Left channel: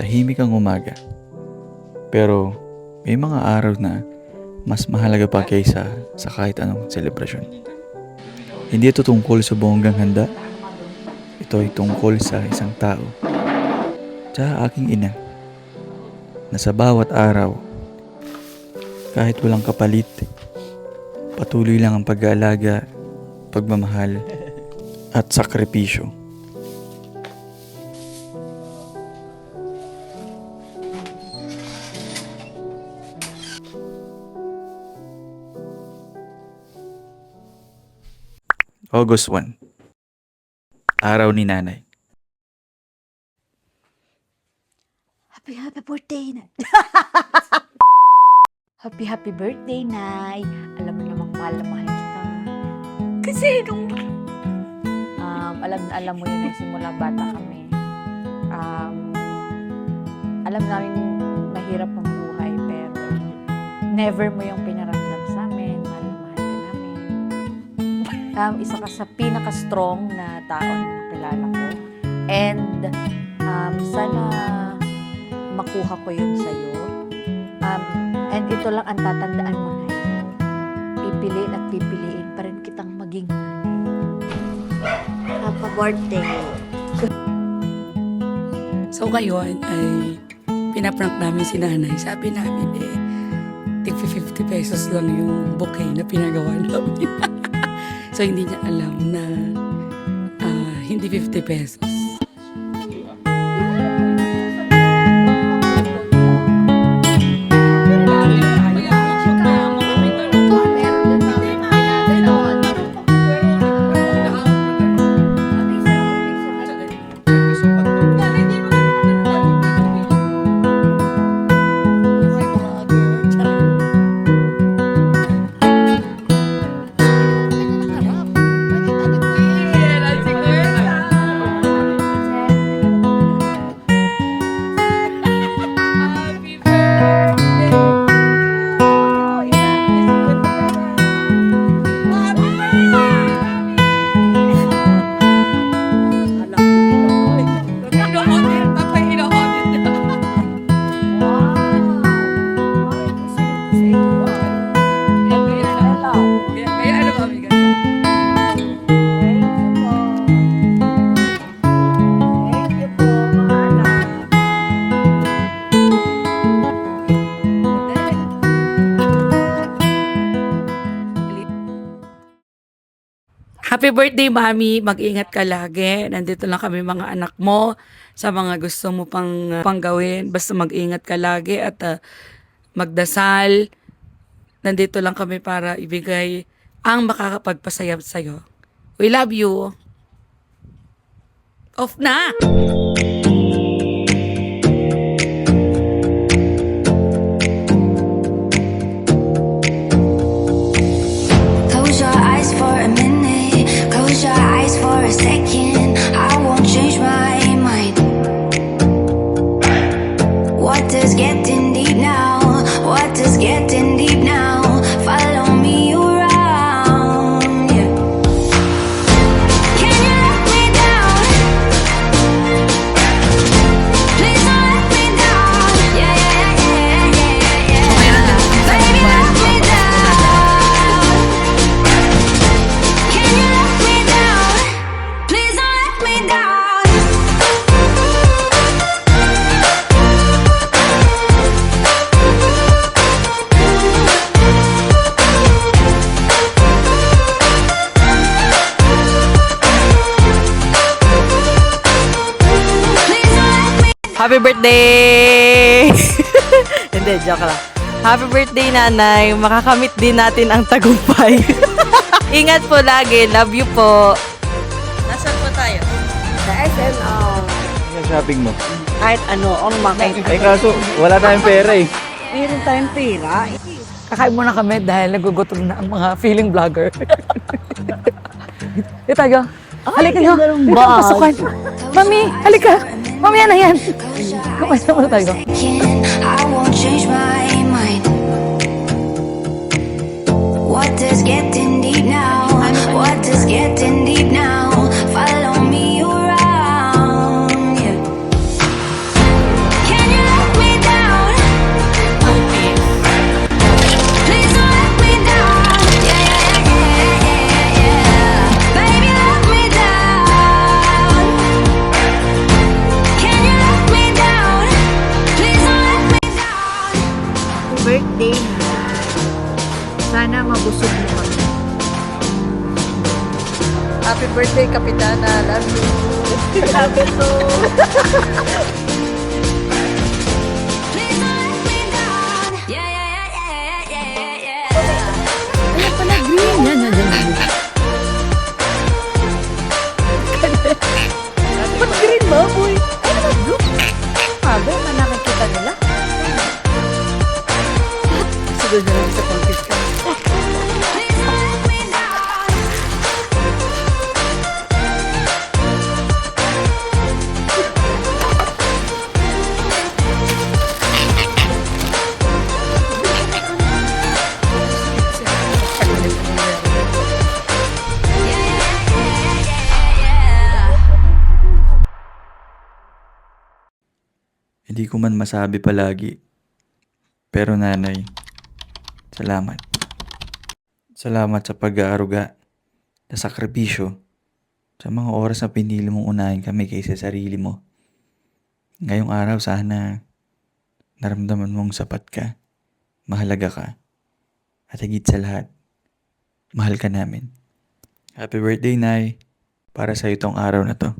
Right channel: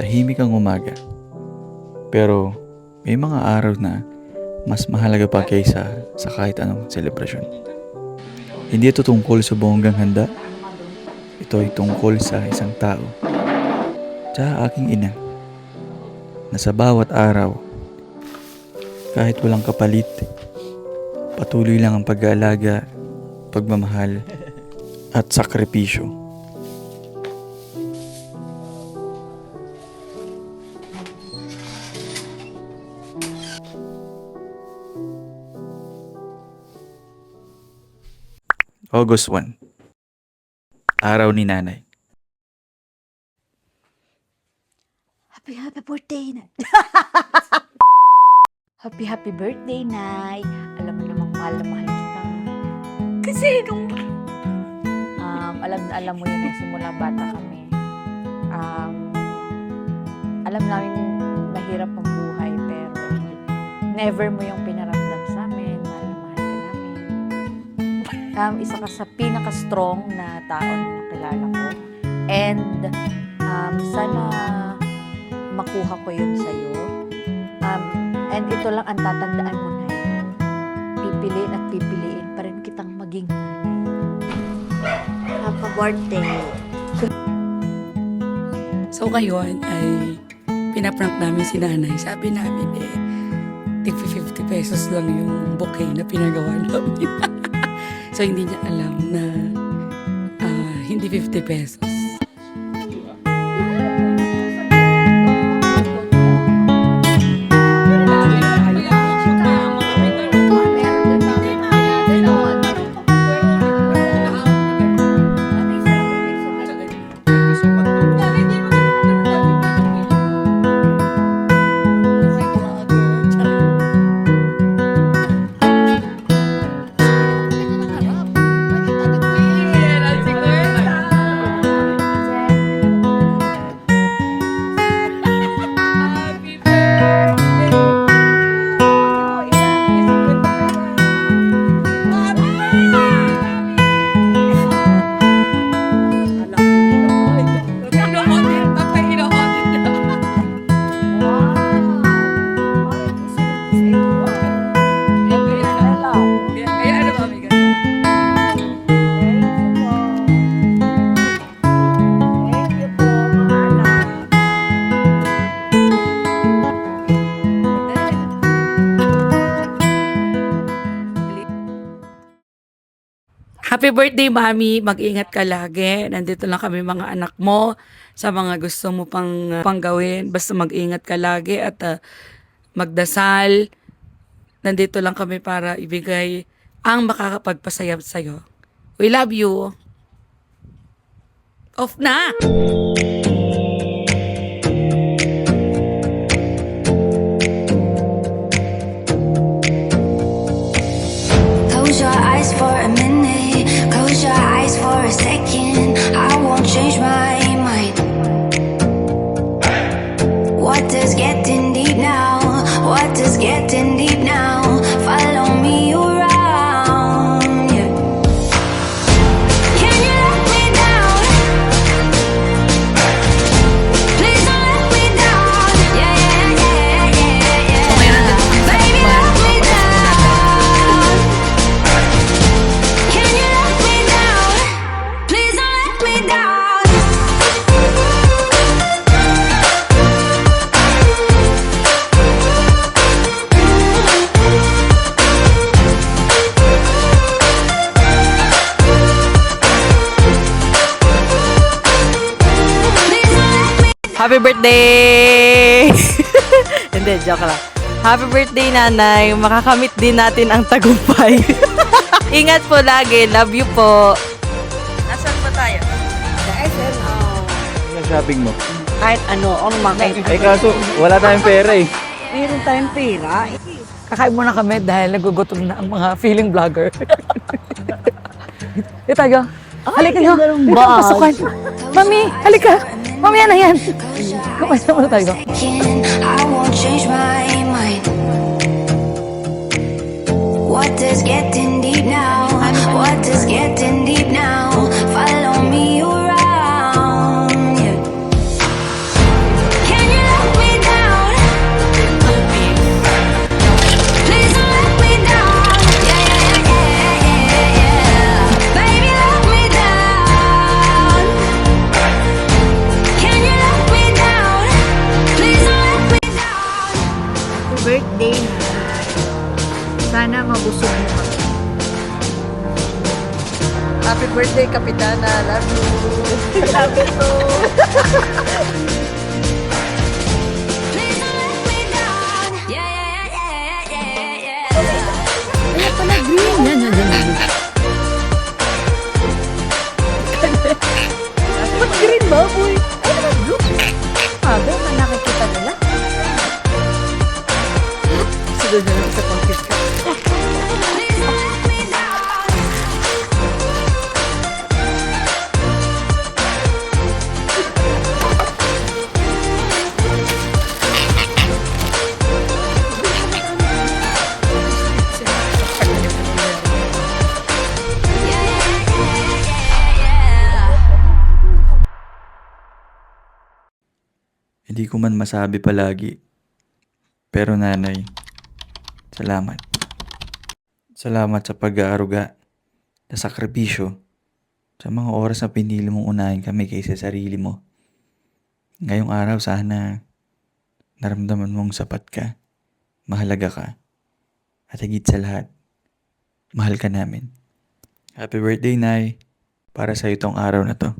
tahimik ang umaga. Pero may mga araw na mas mahalaga pa kaysa sa kahit anong selebrasyon. Hindi ito tungkol sa bonggang handa. Ito ay tungkol sa isang tao, sa aking ina, na sa bawat araw, kahit walang kapalit, patuloy lang ang pag-aalaga, pagmamahal, at sakripisyo. August 1, araw ni nanay. Happy birthday na. Happy birthday, Nay. Alam mo namang mahal na mahal kita. Kasi nung alam mo yun simula bata kami. Alam namin mahirap ang buhay pero never mo yung pinaramdam sa amin. Mahal na mahal ka namin. Isa ka sa pinaka-strong na tao na nakilala ko. And sana makuha ko yun sa'yo. And ito lang ang tatandaan mo, Nay. Pipiliin at pipiliin pa rin kitang maging nanay. Happy birthday. So ngayon ay pinaprank namin si nanay. Sabi namin tig 50 pesos lang yung bouquet na pinagawa namin. So hindi niya alam na hindi 50 pesos. Pero dati mayaman kami gano'n. Meron din namin na ginaganon. Anong pagkakweronin mo? Nahawak na gano'n. Ano isa lang ibig sabihin? Sa ganyan. Pag gusto mag-talk, Nanay, di ba gano'n na gano'n dati? Pito-pito. Buhay vlogger. Charing. Hindi mo pa ganyan ang harap. Bakit agad na Yeah, ay si Kwenta. Hindi mo pa ganyan ang harap. Happy birthday to you. Ayan na, ang yung 50 pesos. Happy birthday, Mami! Alam ko nila. Ay, ino-audit. Tapay ino-audit niya. Wow! Parang isinig ko sa iyo Kaya Stella. Kaya ano, Mami, ganda. Thank you po. Thank you po, mga anak. O, dali. Happy birthday, Mami. Mag-ingat ka lagi. Nandito lang kami mga anak mo sa mga gusto mo pang gawin. Basta mag-ingat ka lagi at magdasal. Nandito lang kami para ibigay ang makakapagpasaya sa'yo. We love you. Off na! Close your eyes for a minute. Close your eyes for a second. I won't change my mind. What does getting deep now? What does getting deep now? Follow me around. Yeah. Can you let me down? Please don't let me down. Yeah, yeah, yeah, yeah, yeah, Okay, yeah. nandito kami sa Baby, Lukban. let me down. Can you let me down? Please don't let me down. Please don't let me. Happy birthday! Hindi, joke lang. Happy birthday, nanay. Makakamit din natin ang tagumpay. Ingat po lagi. Love you po. Nasaan po tayo? Sa SM, yung shopping mo. kahit ano makain. Eh kaso, wala tayong pera eh. Meron tayong pera. Kakain muna kami dahil nagugutom na ang mga feeling vlogger. Dito tayo. Halika nyo. Dito ang pasukan. Mami, halika. Mami, yan na yan. Kumain muna tayo. I won't change my mind. What does getting deep now? What does getting deep now? Follow me around. Yeah. mabusog mo kami. Happy birthday, Kapitana. Love you. Love you too. Please don't let me down. Yeah, yeah, yeah, yeah, yeah, yeah. Kaya pala green. Yan. Ba't green ba, boy? Ay, naman blue. Sabi, man nakikita nila. Sunod na lang sa pang-kiss ka. Please don't let me down. Yeah, yeah, yeah, yeah, yeah. Hindi ko man masabi palagi. Pero nanay, salamat. Salamat sa pag-aaruga, sa sakripisyo, sa mga oras na pinili mong unahin kami kaysa sarili mo. Ngayong araw sana naramdaman mong sapat ka, mahalaga ka, at higit sa lahat, mahal ka namin. Happy birthday, Nay, para sa itong araw na to.